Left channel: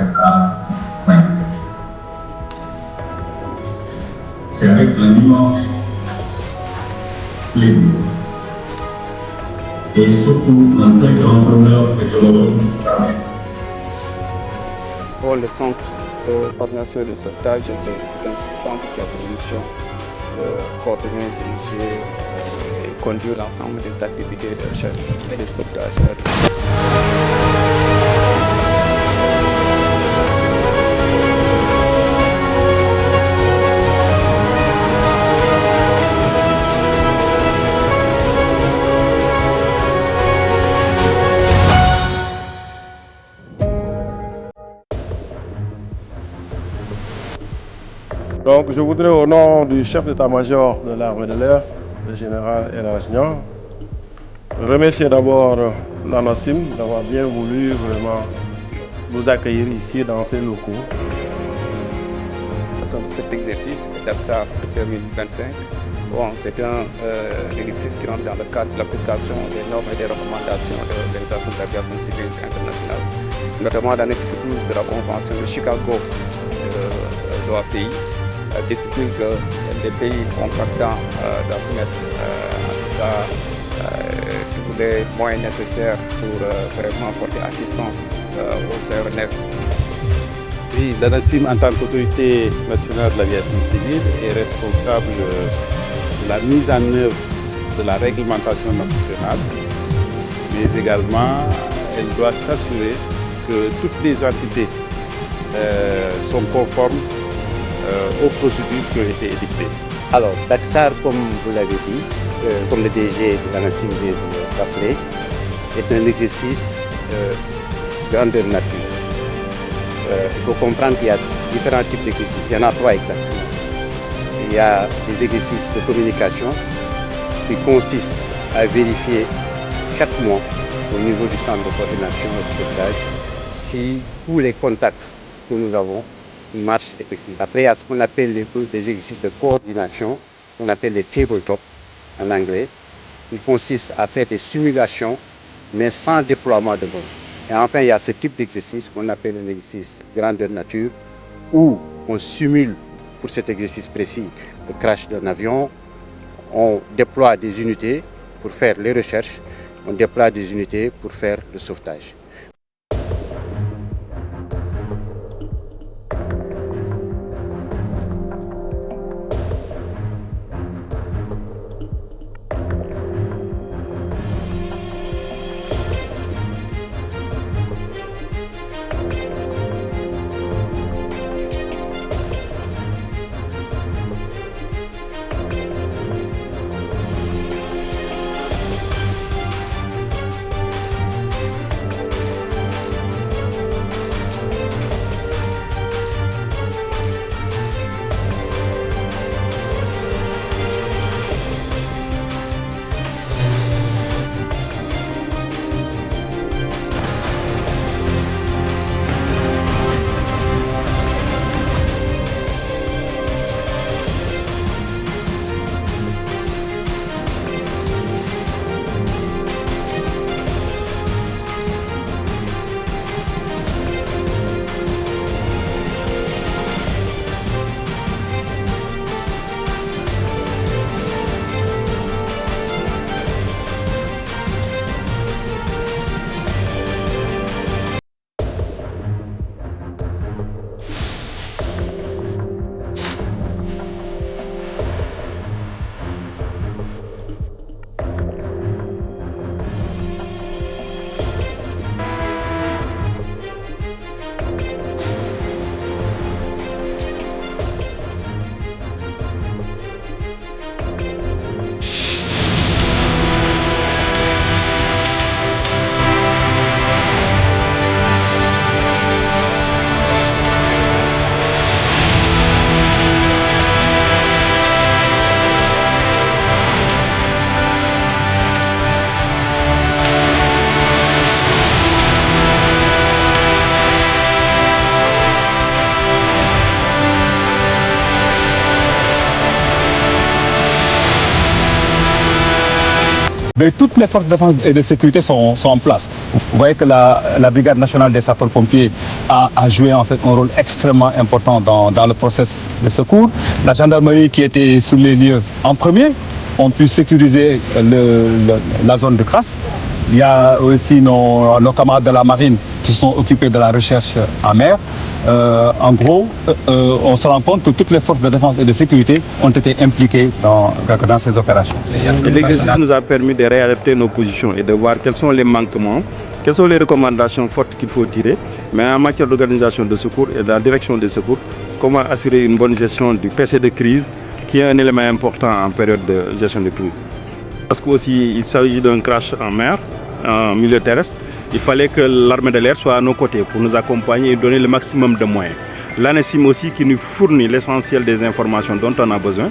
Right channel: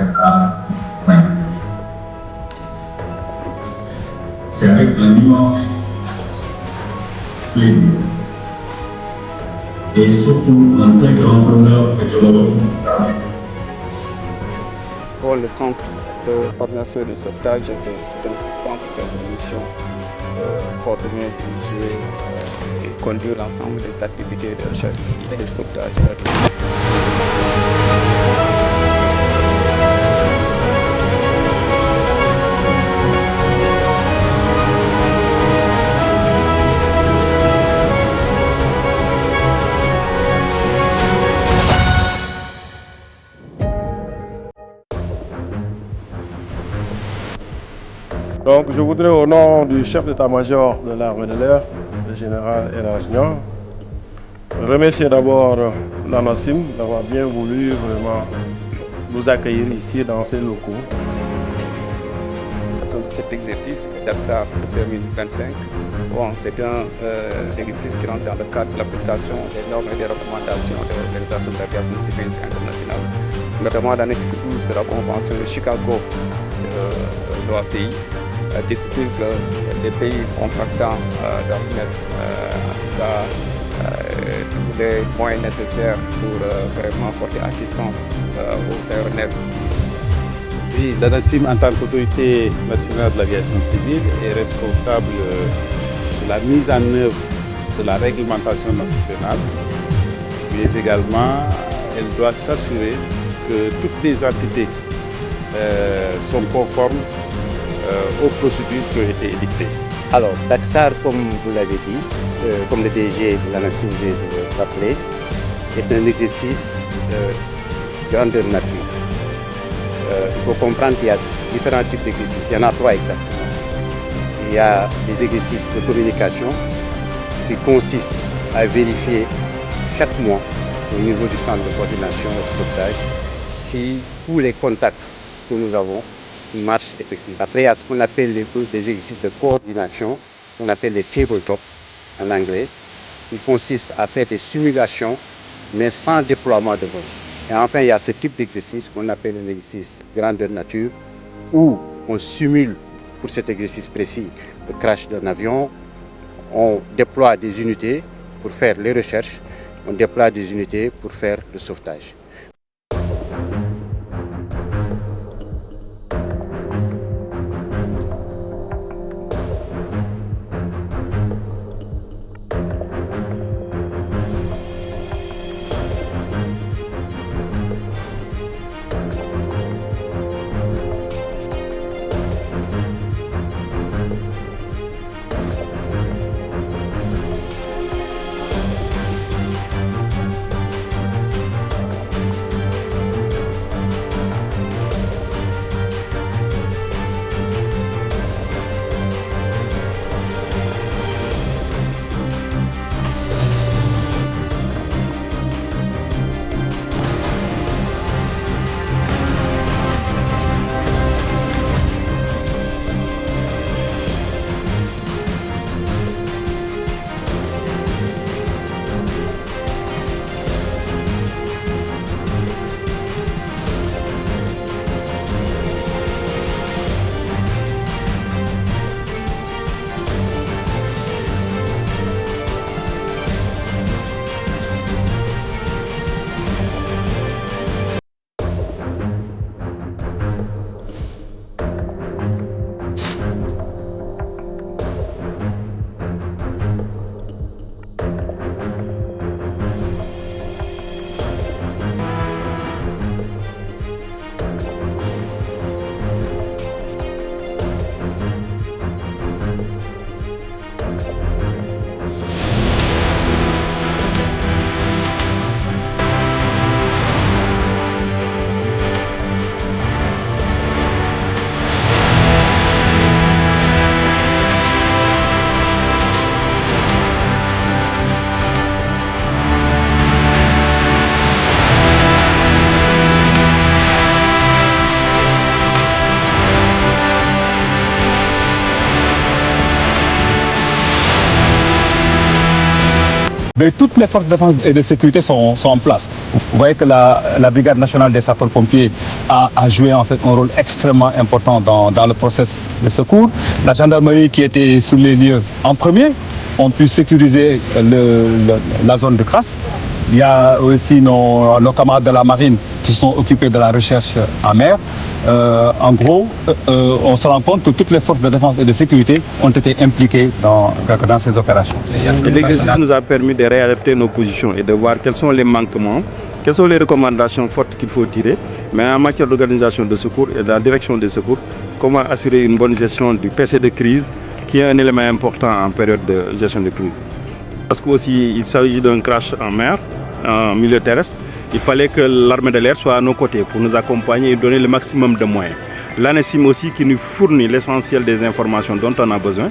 reste à 5. C'est avec un immense plaisir et surtout un très grand honneur que je me retrouve parmi vous. Pour le centre de coordination de sauvetage, c'est un centre qui a pour mission de coordonner, diriger et conduire l'ensemble des activités de recherche et de sauvetage. Donc, je voudrais, au nom du chef d'état-major de l'armée de l'air, le général El Niang, remercier d'abord l'ANACIM d'avoir bien voulu vraiment nous accueillir ici dans ces locaux. Cet exercice, DAPSAR 2025, c'est un exercice qui rentre dans le cadre de l'application des normes et des recommandations de l'Organisation de l'aviation civile internationale, notamment l'annexe 12 de la Convention de Chicago de l'OACI, qui stipule que les pays contractants doivent mettre en tout cas tous les moyens nécessaires pour vraiment porter assistance aux aéronefs. Oui, l'ANACIM, en tant qu'autorité nationale de l'aviation civile, est responsable de la mise en œuvre de la réglementation nationale, mais également elle doit s'assurer que toutes les entités sont conformes aux procédures qui ont été édictées. Alors, DAPSAR, comme vous l'avez dit, comme le DG de l'ANACIM vient de le rappeler, est un exercice de grandeur nature. Il faut comprendre qu'il y a différents types d'exercices. Il y en a 3 exactement. Il y a des exercices de communication qui consistent à vérifier chaque mois au niveau du centre de coordination et de sauvetage si tous les contacts que nous avons marchent effectivement. Après, il y a ce qu'on appelle des exercices de coordination, qu'on appelle les tabletop en anglais, qui consistent à faire des simulations, mais sans déploiement de vol. Et enfin, il y a ce type d'exercice qu'on appelle un exercice grandeur nature, où on simule, pour cet exercice précis, le crash d'un avion. On déploie des unités pour faire les recherches, on déploie des unités pour faire le sauvetage. Mais toutes les forces de défense et de sécurité sont en place. Vous voyez que la Brigade nationale des sapeurs-pompiers a joué en fait un rôle extrêmement important dans le processus de secours. La gendarmerie qui était sur les lieux en premier ont pu sécuriser la zone de crasse. Il y a aussi nos camarades de la marine qui sont occupés de la recherche en mer. En gros, on se rend compte que toutes les forces de défense et de sécurité ont été impliquées dans ces opérations. L'exercice nous a permis de réadapter nos positions et de voir quels sont les manquements, quelles sont les recommandations fortes qu'il faut tirer, mais en matière d'organisation de secours et de la direction des secours, comment assurer une bonne gestion du PC de crise, qui est un élément important en période de gestion de crise. Parce qu'il s'agit d'un crash en mer, en milieu terrestre, il fallait que l'armée de l'air soit à nos côtés pour nous accompagner et donner le maximum de moyens. L'ANACIM aussi qui nous fournit l'essentiel des informations dont on a besoin.